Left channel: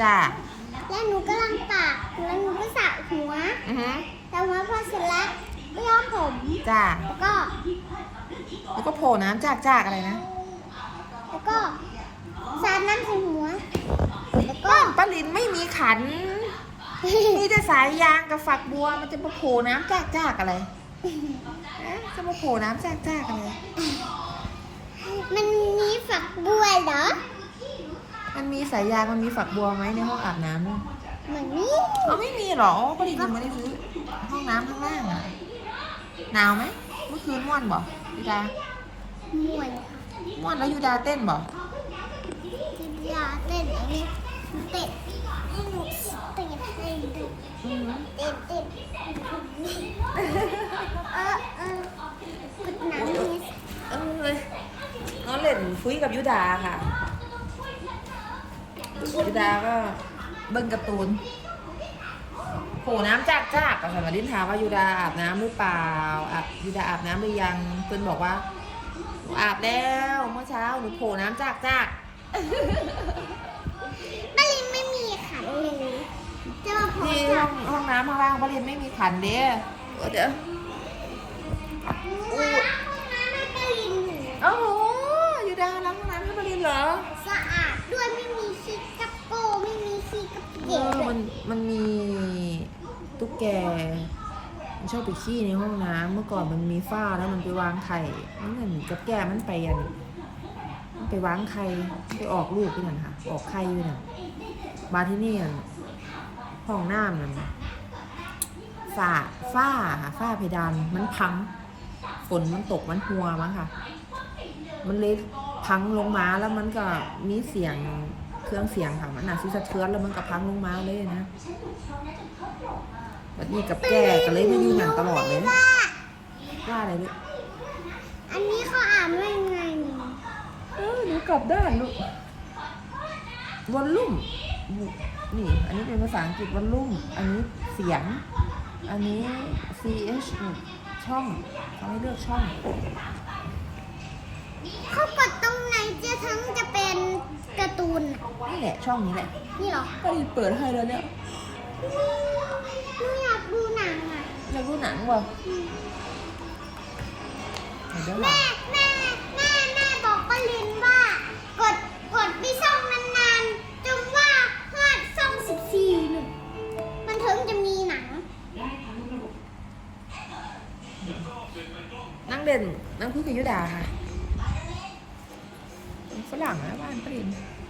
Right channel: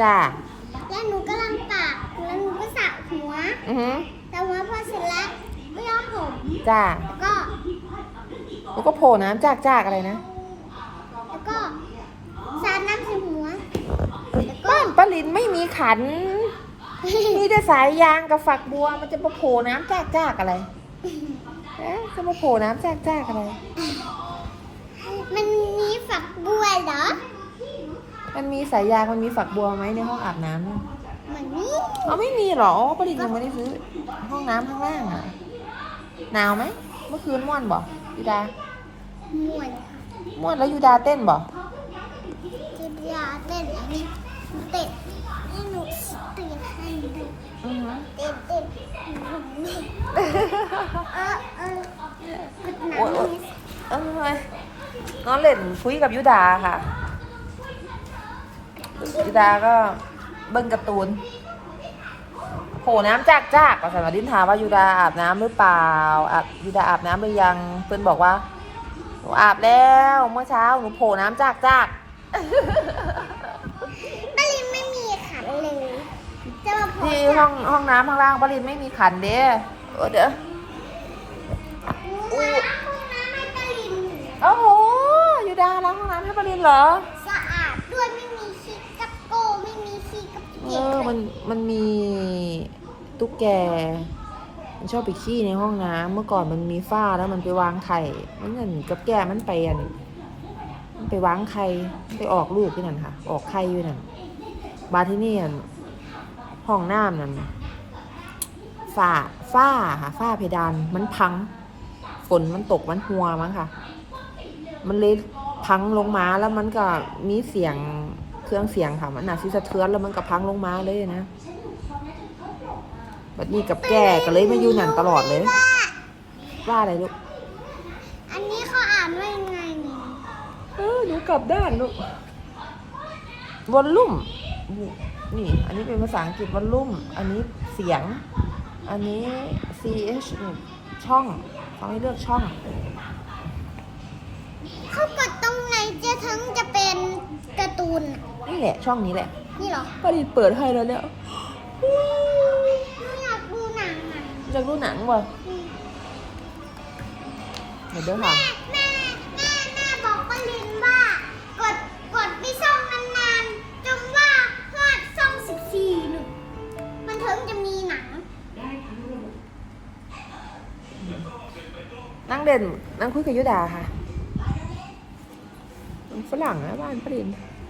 จ้าแล้วหนูกำลังตากแล้วหนูก็สระหัวอือหือสระหัวพอเสร็จแล้วก็ย้อมผมจ้าแล้วก็แล้วก็โผล่น้ำจากจากอะไรนะแล้วก็สาดน้ำใส่หัวแล้วก็ป้อมปลินไม่มีขันมีแต่สายยางกับฝักบัวมันจะมาโผล่น้ำจากจากอะไรเอ๊ะจะมาโผล่น้ำจากจากอะไรมันมีฝักบัวเหรอ มันมีสายยางมันมีฝักบัวไหมในห้องอาบน้ำเนี่ยเหมือนนี้เอาไม่มีหรอปลินยังไม่ได้ซื้อห้องน้ำข้างล่างอะหนาวไหมเมื่อคืนม่วนบ่ยูดาม่วนค่ะม่วนแล้วยูดาเต้นบ่จะยาเต้นอันนี้เต้นให้หนูเต้นให้ดูอือหือเต้นเต้นเออเออกดหนังเลยเอ้ยน้องเล่นคุยกับยูดาค่ะ ยูดาก็เบิ้งการ์ตูนโผล่น้ำจากจากก็สมาดินถามว่ายูดาอาบน้ำหรือเปล่าอาบยูดาอาบน้ำหรือยัง เพื่อนบอกว่าหนูอาบแล้วเมื่อเช้าหนูโผล่น้ำจากจากปลินไม่มีขันเลยจะมาโพสที่ต์ห้องห้องน้ำข้างล่างปรินไม่มีขันเด้เออเดี๋ยวว่าห้องน้ำไม่ปลินโอ้โหยูดาล้างห้องน้ำให้ปรินเหรอ มันมันมีตุ๊กแกมันชอบไปขี้ในห้องน้ำเมื่อก่อนมันมีฝ้าแล้วมันไปวางไข่มันเหมือนกับแกมันไปอันมันไปวางไข่ไปออกลูกที่นั่นค่ะ ออกไข่อยู่นั่นบาร์ที่นี่อันห้องน้ำนั่นฝ้าฝ้าค่ะฝ้าเพดานมันพังฝนมันตกมันหัวมั้งค่ะ มันเลยพังลงมาแล้วมันก็มีเสียง เครื่องเสียงค่ะมันอาจสิสะเทือนแล้วมันก็พังลงมาเลยนะแบบนี้กับแก่ก็เลยไม่อยู่หันตลอดเลยว่าว่าอะไรลูก อันนี้เขาอ่านว่ายังไงเนี่ยเออหนูกลับด้านลูกวอลลุ่มนี่ อันนี้เป็นภาษาอังกฤษวอลลุ่ม อันนี้เสียง อันนี้ ch นี่ช่องเขาให้เลือกช่อง เขากดตรงไหนเจะทั้งจะเป็นการ์ตูนน่ะ นี่ แหละช่องนี้แหละนี่เหรอป้าดีเปิดให้แล้วเนี่ยหนูอยากดูหนังอะจะดูหนังว่ะเดี๋ยวเดี๋ยวหลัแม่งแม่แม่แม่บอกป้าลินว่ากดกดไปซ่องนานๆจนว่าพลาดซ่องสิบสี่หนึ่งมันถึงจะมีหนังนั่งเด่นนั่งคุยกับยุดาค่ะเป็นฝรั่งนะบ้านปรินเ